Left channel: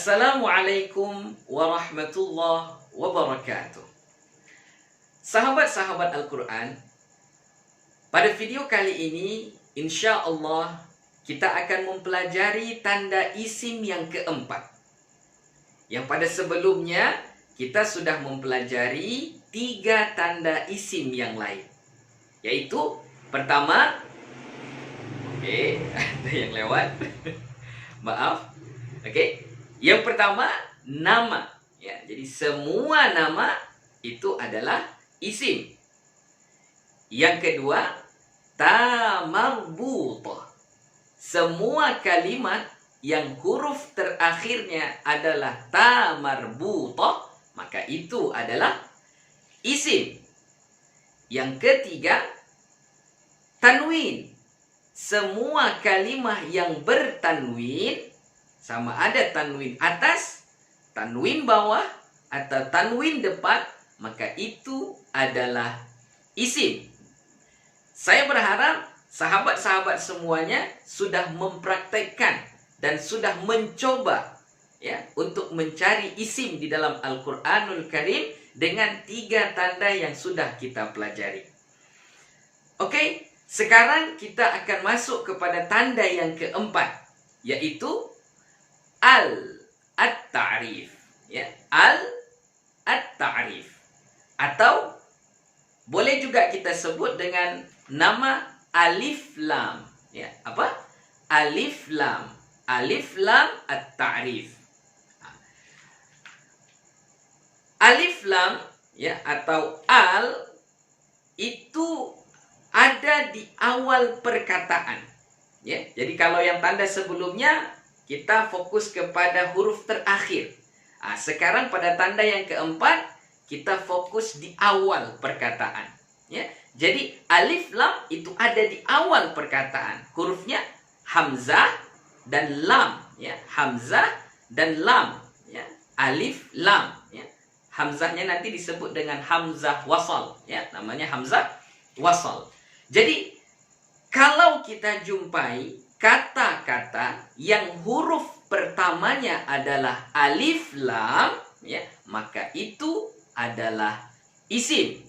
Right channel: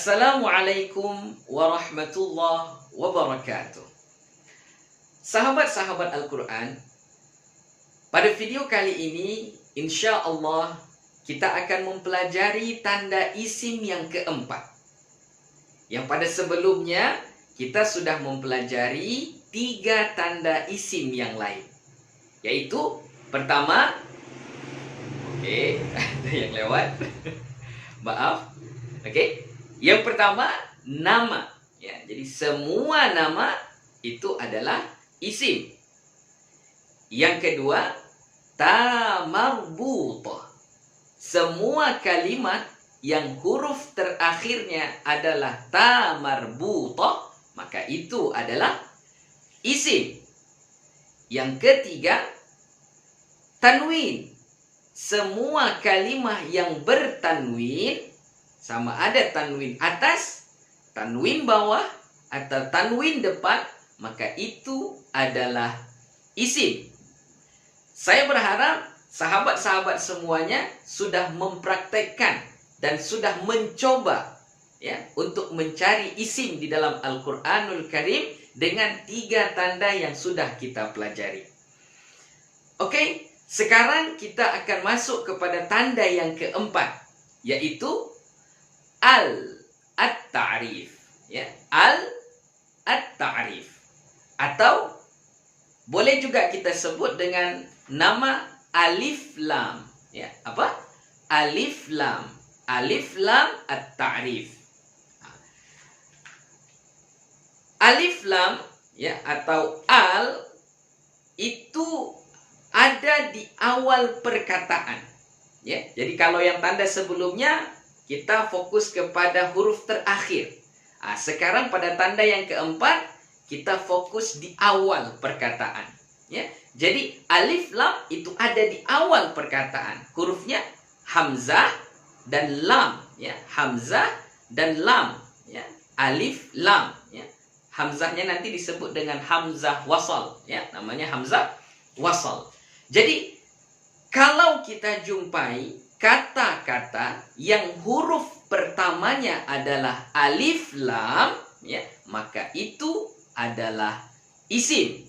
Assalamualaikum warahmatullahi wabarakatuh. Sahabat-sahabat Al-Quran, pada video kali ini insya Allah kita akan mempelajari tanda isim yang keempat. Yang pada sebelumnya kita sudah mempelajari 3 tanda isim yang lain. Yaitu pertama, ada yang lewat. Maaf. Yang pertama, nama. Ya, jadi semua nama itu adalah isim. Yang kedua, ta marbutah. Semua kalimat yang huruf terakhirnya adalah ta marbutah, maka itu adalah isim. Yang ketiga, tanwin. Semua kalimat yang bertanwin, sama ada tanwin atas, tanwin bawah, atau tanwin depan, maka itu adalah isim. Saya berharap sahabat-sahabat semuanya sudah mempraktekkan dan sudah mencoba ya untuk mencari isim di dalam Al-Quranul Karim dengan 3 tanda yang sudah kita pelajari. Sekarang kita akan masuk kepada tanda yang keempat, yaitu at-ta'rif. Ya, at-ta'rif. Atau boleh juga kita sebut dengan nama alif lam. Ya, apa? Alif lam. Alif lam at-ta'rif. Alif lam ya atau al itu ada di awal perkataan. Ya, jadi kalau yang tanda sebelumnya kita fokus kepada huruf terakhir. Sekarang pada tanda yang keempat kita fokus di awal perkataan. Ya, jadi alif lam itu ada di awal perkataan. Hurufnya hamzah dan lam. Ya, hamzah dan lam. Ya, alif lam. Ya, hamzahnya nanti disebut dengan hamzah wasal. Ya, namanya hamzah wasal. Jadi kalau kita jumpai kata-kata yang huruf pertamanya adalah alif lam, ya, maka itu adalah isim.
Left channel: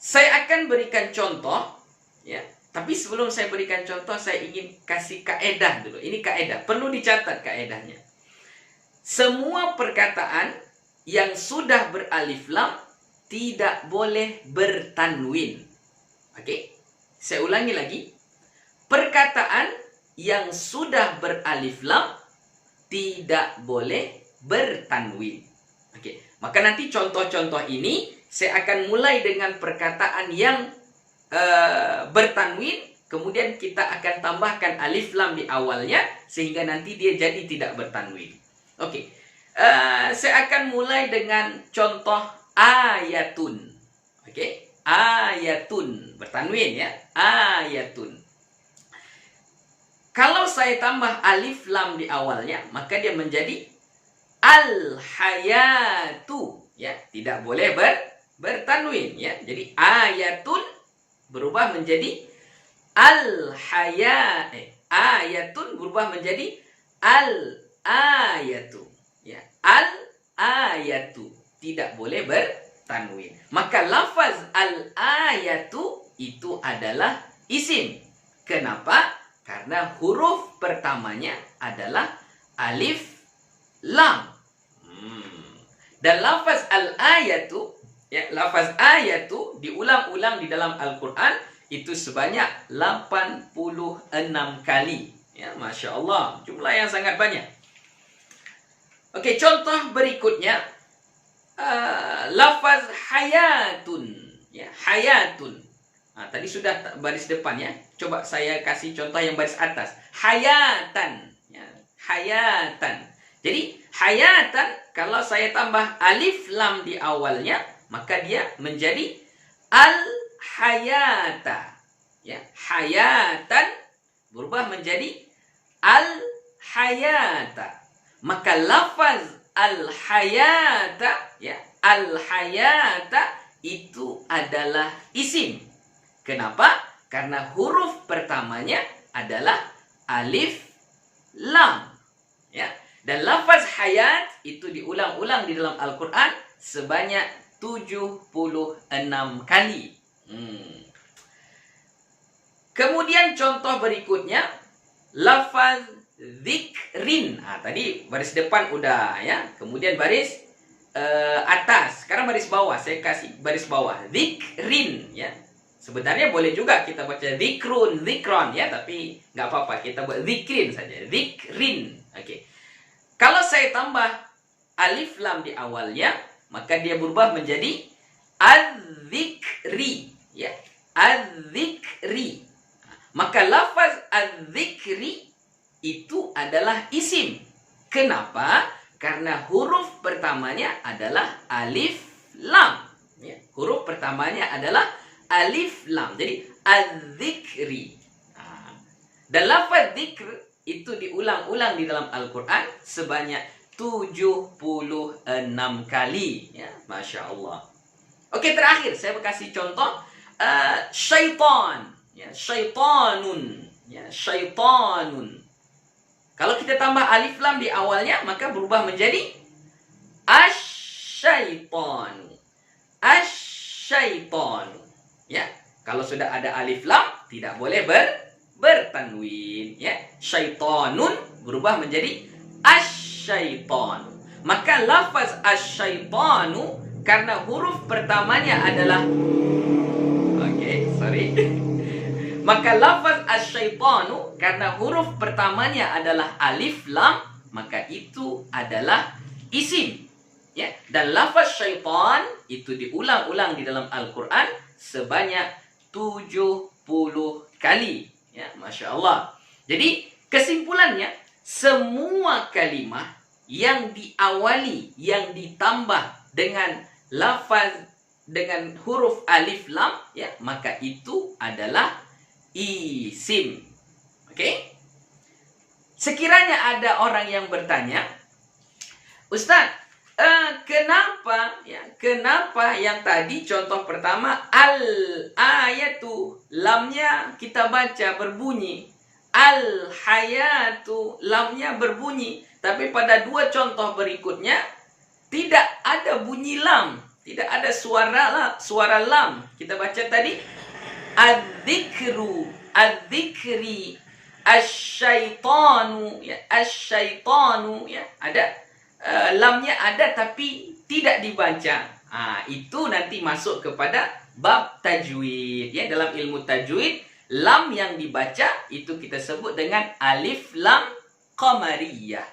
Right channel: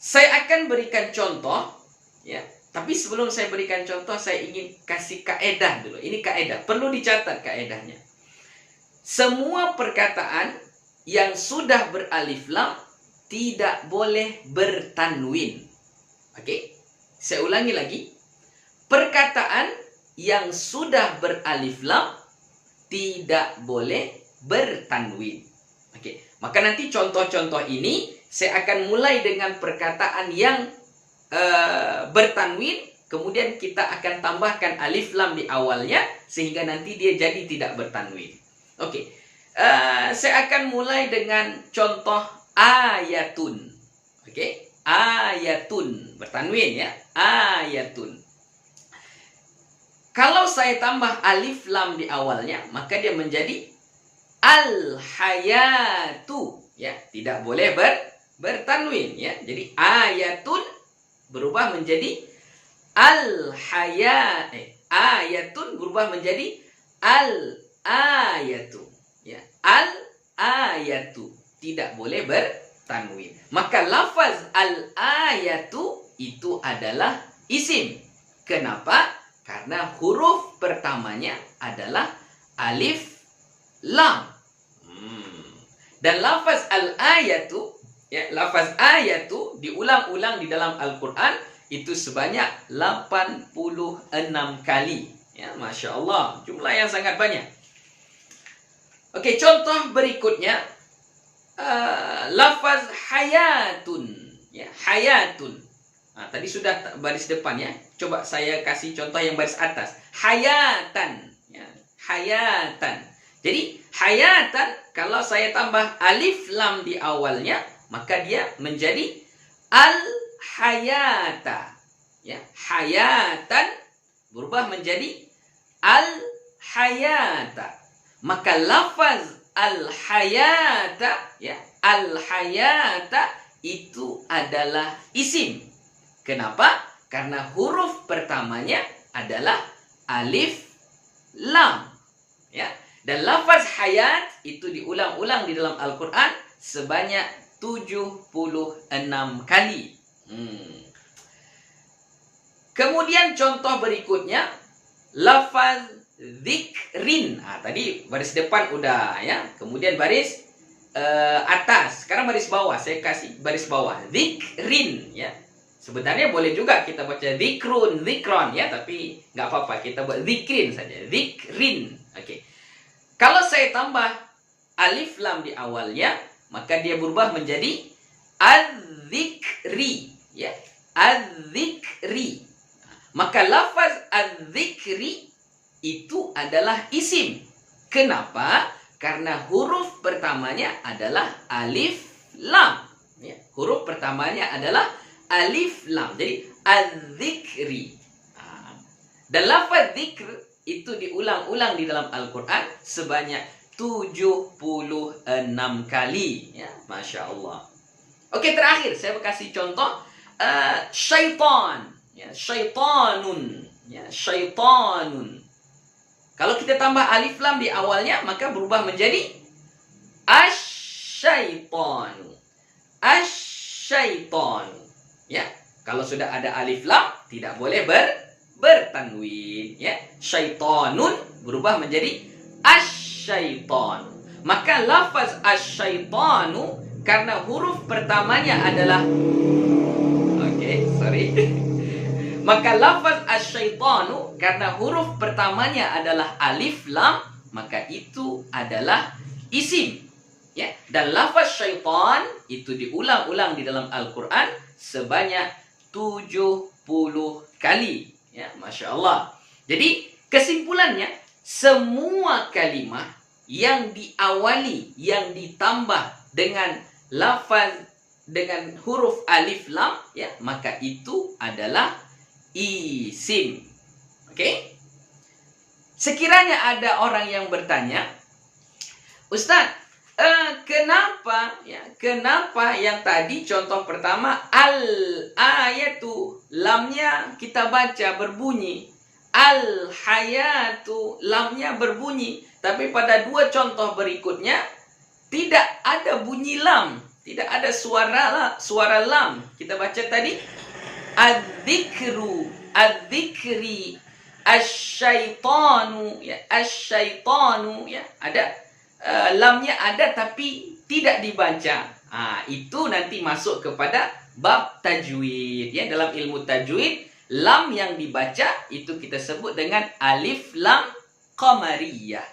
Saya akan berikan contoh, ya. Tapi sebelum saya berikan contoh, saya ingin kasih kaedah dulu. Ini kaedah, perlu dicatat kaedahnya. Semua perkataan yang sudah beralif lam tidak boleh bertanwin. Saya ulangi lagi. Perkataan yang sudah beralif lam tidak boleh bertanwin. Maka nanti contoh-contoh ini saya akan mulai dengan perkataan yang bertanwin, kemudian kita akan tambahkan alif lam di awalnya sehingga nanti dia jadi tidak bertanwin. Saya akan mulai dengan contoh ayatun. Ayatun bertanwin ya, ayatun. Kalau saya tambah alif lam di awalnya, maka dia menjadi al-hayatu ya, tidak boleh bertanwin ya. Jadi ayatun berubah menjadi ayatun berubah menjadi al-ayatu ya, al-ayatu tidak boleh bertanwin. Maka lafaz al-ayatu itu adalah isim. Kenapa? Karena huruf pertamanya adalah alif lam. Dan lafaz al-ayatu ya, lafaz ayatu diulang-ulang di dalam Al-Quran itu sebanyak 86 kali. Ya, Masya Allah, jumlah yang sangat banyak. Contoh berikutnya, lafaz hayatun ya, hayatun. Tadi sudah baris depan ya. Coba saya kasih contoh yang baris atas. Hayatan ya, hayatan. Jadi hayatan kalau saya tambah alif lam di awalnya, maka dia menjadi al-hayata ya, hayatan berubah menjadi al-hayata. Maka lafaz al-hayata ya, al-hayata itu adalah isim. Kenapa? Karena huruf pertamanya adalah alif lam. Ya. Dan lafaz hayat itu diulang-ulang di dalam Al-Quran sebanyak 76 kali. Kemudian contoh berikutnya, lafaz zikrin. Tadi baris depan udah ya. Kemudian baris atas. Sekarang baris bawah. Saya kasih baris bawah. Zikrin ya. Sebenarnya boleh juga kita baca zikrun, zikron ya, tapi nggak apa-apa, kita buat zikrin saja. Zikrin. Oke. Kalau saya tambah alif lam di awalnya, maka dia berubah menjadi az-zikri ya. Az-zikri. Maka lafaz az-zikri itu adalah isim. Kenapa? Karena huruf pertamanya adalah alif lam. Ya. Huruf pertamanya adalah alif lam. Jadi az-zikri. Dan lafaz zikr itu diulang-ulang di dalam Al-Quran sebanyak 76 kali. Ya, Masya Allah. Oke, terakhir saya kasih contoh syaitan. Ya, syaitanun. Ya, syaitanun. Kalau kita tambah alif lam di awalnya, maka berubah menjadi asyaitanu. Asyaitanu. Ya, kalau sudah ada alif lam tidak boleh bertanwin ya. Syaitanun berubah menjadi asyaitanu. Maka lafaz asyaitanu karena huruf pertamanya adalah maka lafaz asyaitanu karena huruf pertamanya adalah alif lam, maka itu adalah isim ya. Dan lafaz syaitan itu diulang-ulang di dalam Al-Quran sebanyak 70 kali ya, Masya Allah. Jadi kesimpulannya, semua kalimat yang diawali, yang ditambah dengan lafaz dengan huruf alif lam ya, maka itu adalah isim. Oke? Sekiranya ada orang yang bertanya, Ustaz, kenapa yang tadi contoh pertama al-ayatu lamnya kita baca berbunyi, al-hayatu lamnya berbunyi, tapi pada dua contoh berikutnya tidak ada bunyi lam, tidak ada suara lam. Kita baca tadi az-zikru, az-zikri, asyaitanu ya, asyaitanu ya, ada lamnya ada tapi tidak dibaca. Itu nanti masuk kepada bab tajwid ya. Dalam ilmu tajwid, lam yang dibaca itu kita sebut dengan alif lam qamariyah.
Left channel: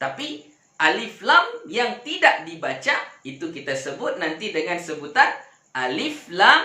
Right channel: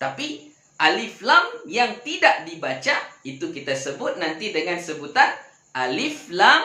Tapi alif lam yang tidak dibaca itu kita sebut nanti dengan sebutan alif lam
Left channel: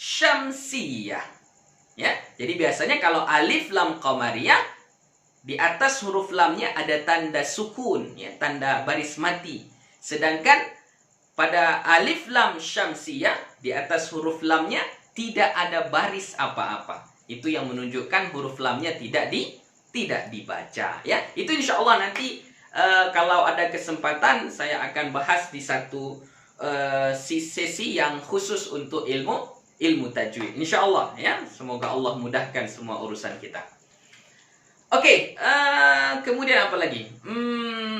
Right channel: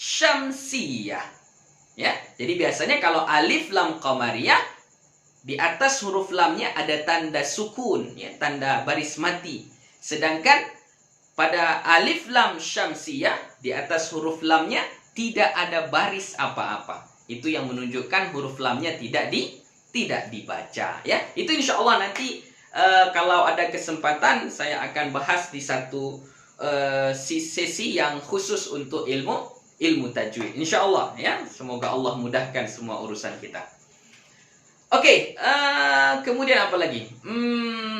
syamsiyah. Ya, jadi biasanya kalau alif lam qamariyah di atas huruf lamnya ada tanda sukun, ya, tanda baris mati. Sedangkan pada alif lam syamsiyah di atas huruf lamnya tidak ada baris apa-apa. Itu yang menunjukkan huruf lamnya tidak dibaca. Ya, itu insya Allah nanti kalau ada kesempatan saya akan bahas di satu sesi yang khusus untuk ilmu tajwid. Insya Allah ya. Semoga Allah mudahkan semua urusan kita. Oke, kemudian apa lagi?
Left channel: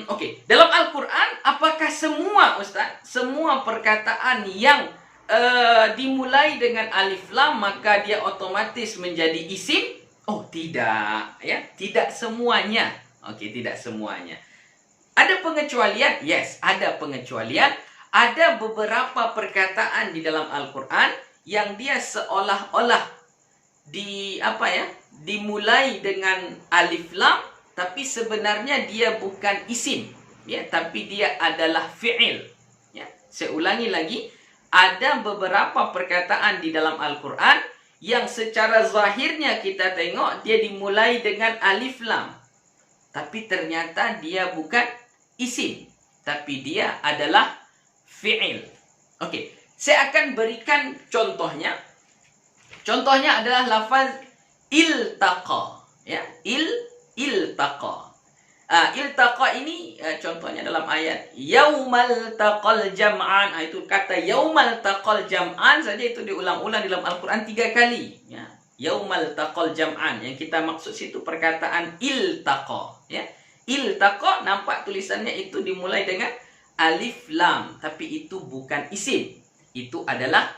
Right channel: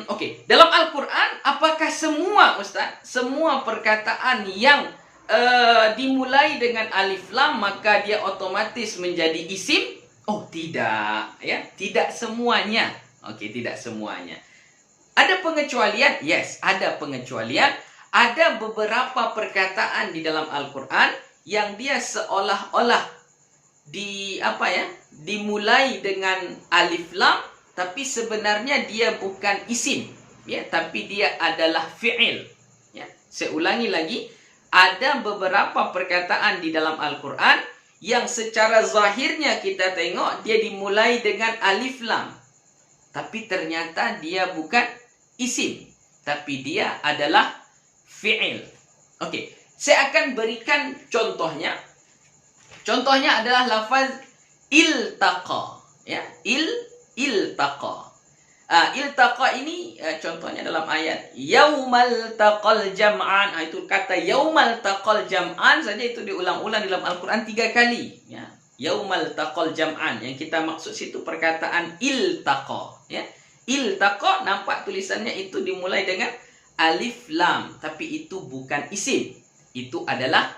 Oke, dalam Al-Quran apakah semua semua perkataan yang dimulai dengan alif lam maka dia otomatis menjadi isim? Oh, tidak ya, tidak semuanya. Oke, tidak semuanya. Ada pengecualian? Yes, ada pengecualian. Ada beberapa perkataan di dalam Al-Quran yang dia seolah-olah dimulai dengan alif lam, tapi sebenarnya dia bukan isim, ya, tapi dia adalah fi'il. Ya, saya ulangi lagi, ada beberapa perkataan di dalam Al-Quran yang secara zahirnya kita tengok dia dimulai dengan alif lam, tapi ternyata dia bukan isim, tapi dia adalah fi'il. Oke, saya akan berikan contohnya. Contohnya adalah lafaz iltaqa, ya, iltaqa. Iltaqa ini contohnya dalam ayat yaumal taqal jam'an. Itu kata yaumal taqal jam'an saja itu diulang-ulang dalam Al-Quran 3 kali, ya. yaumal taqal jam'an. Yang kita maksud situ perkataan iltaqa, ya. Iltaqa nampak tulisannya itu dimulai dengan alif lam, tapi itu bukan isim. Itu adalah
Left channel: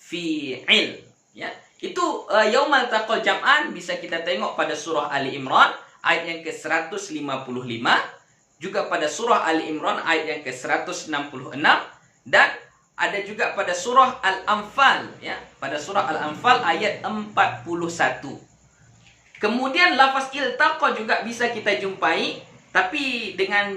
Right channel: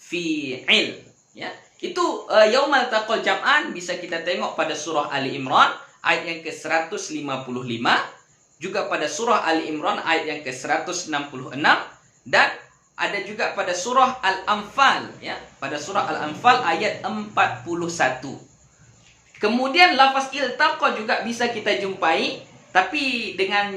fi'il, ya. Itu yaumal taqal jam'an bisa kita tengok pada surah Ali Imran ayat yang ke-155, juga pada surah Ali Imran ayat yang ke-166, dan ada juga pada surah Al-Anfal, ya. Pada surah Al-Anfal ayat 41. Kemudian lafaz iltaqa juga bisa kita jumpai tapi dengan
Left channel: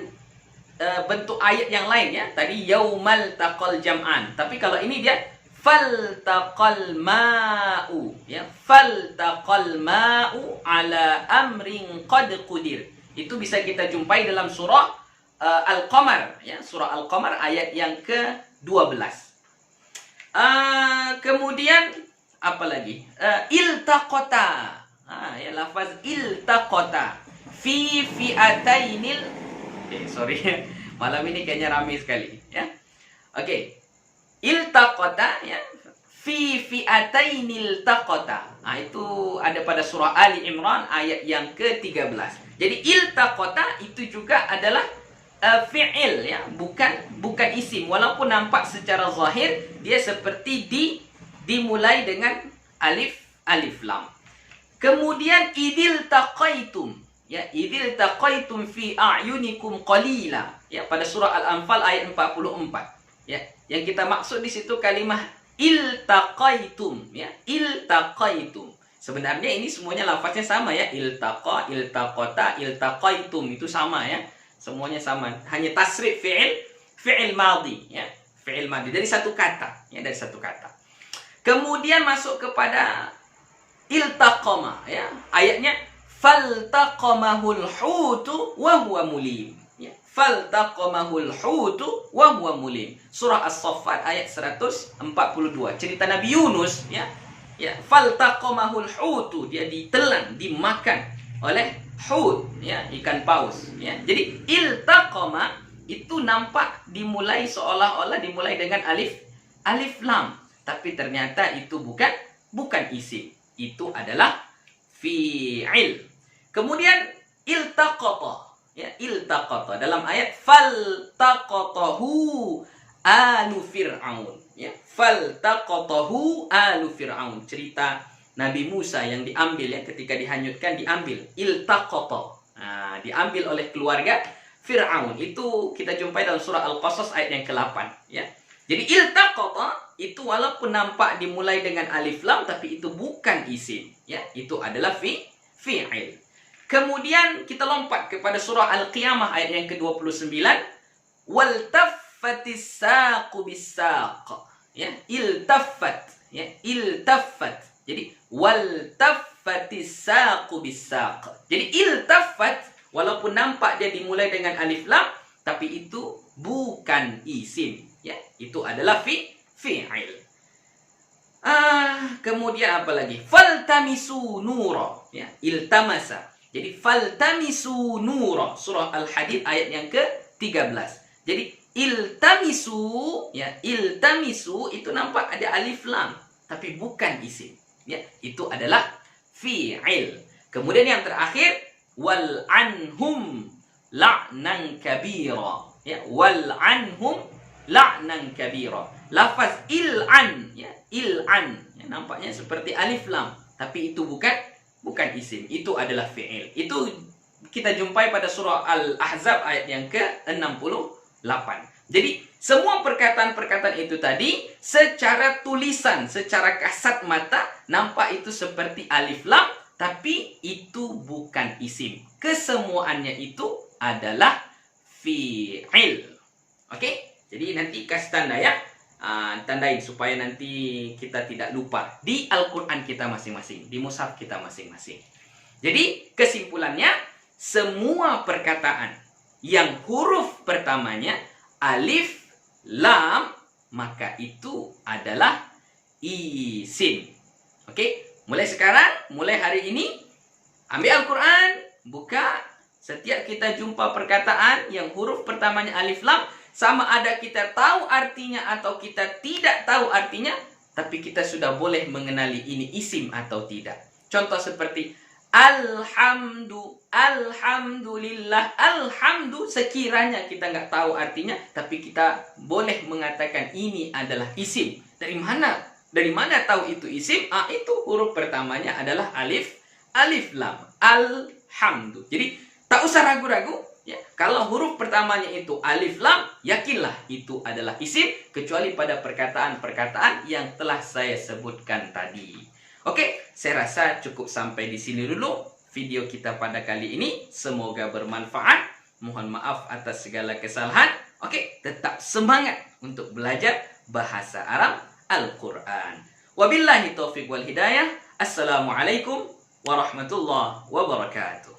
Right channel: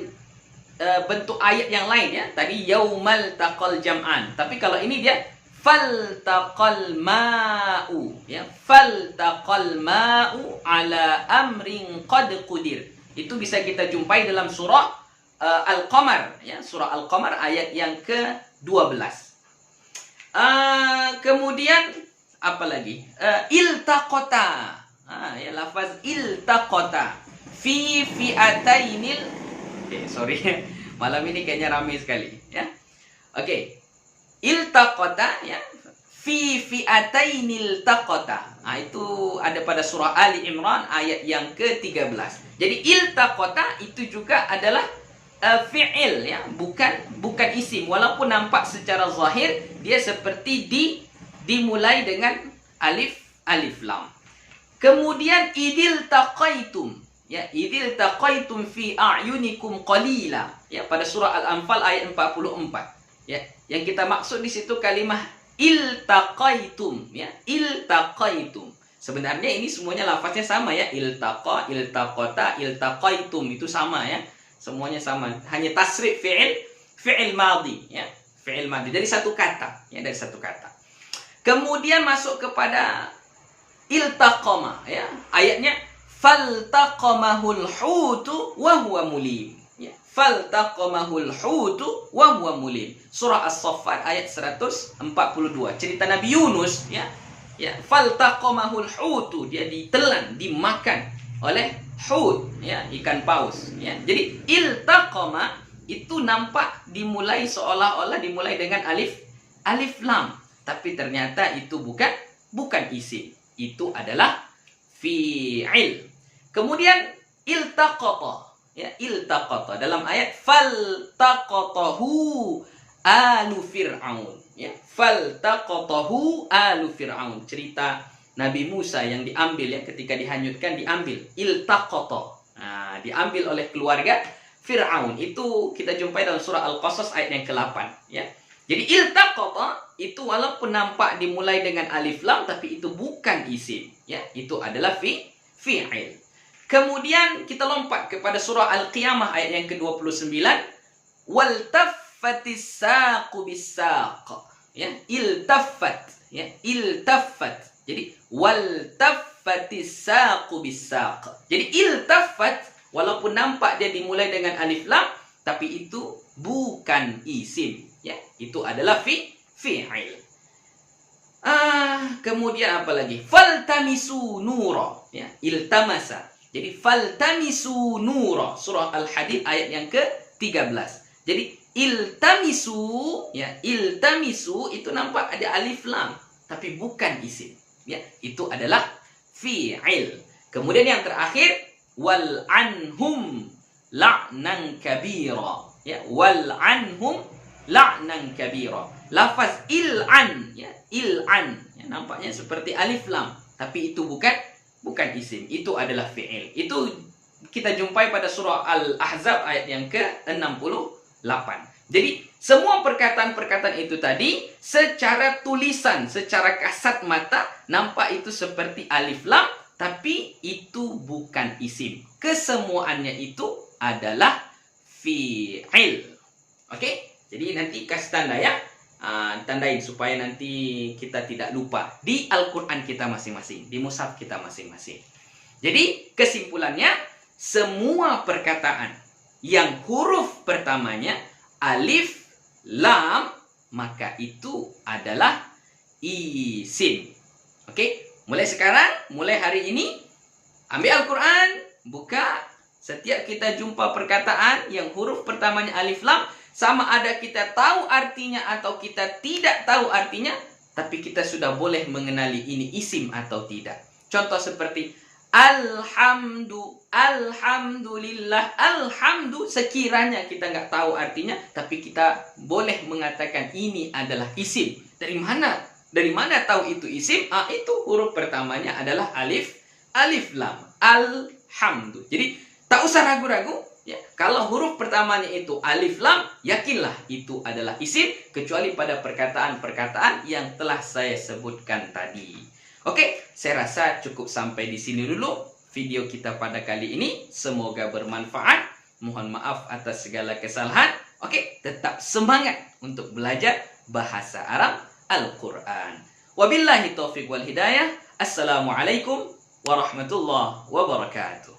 bentuk ayat yang lain, ya. Tadi yaumal taqal jam'an, tapi kalau ini dia faltaqal ma'u, ya. Faltaqal ma'u ala amrin qad qudir. Itu bisa kita jumpai dalam surah Al-Qamar, ya. Surah Al-Qamar ayat yang ke-12. Kemudian apa lagi? Iltaqata. Ya, lafaz iltaqata fi fi'atainil. Oke, sorry. Malam ini kayaknya ramai sekali, ya. Oke. Iltaqata, ya. Fi fi'atainil taqata. Itu ada pada surah Ali Imran ayat yang ke-13. Jadi iltaqata itu juga adalah fi'il, ya, bukan isim, walaupun nampak secara zahir dia seperti dimulai dengan alif lam. Kemudian idil taqaitum, ya, idil taqaitum fi a'yunikum qalila, ya, pada surah Al-Anfal ayat 44, ya. Yang kita maksud di situ kalimah iltaqaitum, ya, iltaqaitum. Sebenarnya ini semuanya lafaznya sama, ya, iltaqa, iltaqata, iltaqaitum, itu sama, ya. Semuanya sama, hanya tasrif fi'il madhi, ya, fi'il madhi dari satu kata, ya, dari satu kata. Kemudian masuk kepada iltaqama, ya, ayatnya faltaqamahul hutu wa huwa mulim, ya, faltaqamahul hutu wa huwa mulim. Surah As-Saffat ayat 142, cerita Nabi Yunus, ya, ya, faltaqamahul hutu, dia ditelan, dimakan oleh hut, ya, ikan paus, ya. Jadi iltaqama itu nampak dimulai seolah-olah dimulai dengan alif lam, tapi ternyata itu bukan isim, itu adalah fi'il. Kemudian iltaqata, ya, iltaqata dalam ayat faltaqatahu alu fir'aun, ya, faltaqatahu alu fir'aun, cerita Nabi Musa yang diambil, ya, ketika dihanyutkan diambil, iltaqata, diambil oleh keluarga Fir'aun. Itu kita jumpai dalam surah Al-Qasas ayat yang ke-8, ya. Jadi iltaqata itu walaupun nampak dimulai dengan alif lam, tapi itu bukan isim, ya, itu adalah fi'il. Kemudian kita lompat kepada surah Al-Qiyamah ayat yang ke-29, waltaffatis saqu bis-saq, ya, iltaffat, ya, iltaffat. Jadi waltaffatis saqu bis-saq. Jadi iltaffat walaupun nampak dia dimulai dengan alif lam, tapi itu bukan isim, ya. Itu adalah fi'il. Kemudian apa lagi? Faltamisu nura, ya, iltamasa. Jadi faltamisu nura, surah Al-Hadid ayat yang ke-13. Jadi iltamisu, ya, iltamisu itu nampak ada alif lam, tapi bukan isim, ya, itu adalah fi'il. Kemudian yang terakhir wal anhum la'nan kabira, ya, wal anhum la'nan kabira. Lafaz il'an, ya, il'an, ya, nampaknya seperti alif lam, tapi itu bukan isim, itu adalah fi'il. Itu kita jumpai pada surah Al-Ahzab ayat yang ke-68. Jadi semua perkataan-perkataan itu tadi secara tulisan, secara kasat mata nampak itu seperti alif lam, tapi itu bukan isim. Kesemuanya itu adalah fi'il. Oke? Jadi nanti kasih tanda, ya. Tandain supaya nanti kita tidak lupa di Al-Quran kita masing-masing, di mushaf kita masing-masing. Jadi kesimpulannya, semua perkataan yang huruf pertamanya alif lam, maka itu adalah isim. Oke? Mulai sekarang, mulai hari ini, ambil Al-Quran, buka, setiap kita jumpa perkataan yang huruf pertamanya alif lam, sama ada kita tahu artinya atau kita tidak tahu artinya, tapi kita sudah boleh mengenali ini isim atau tidak. Contoh seperti alhamdulillah, alhamdu, sekiranya kita nggak tahu artinya, tapi kita boleh mengatakan ini adalah isim. Dari mana? Dari mana tahu itu isim? Itu huruf pertamanya adalah alif lam. Alhamdu. Jadi tak usah ragu-ragu. Ya, kalau huruf pertamanya itu alif lam, yakinlah itu adalah isim, kecuali pada perkataan-perkataan yang telah saya sebutkan tadi. Oke, saya rasa cukup sampai di sini dulu video kita pada kali ini. Semoga bermanfaat. Mohon maaf atas segala kesalahan. Oke, tetap semangat untuk belajar bahasa Arab Al-Quran. Wabillahi taufiq wal hidayah. Assalamualaikum warahmatullahi wabarakatuh.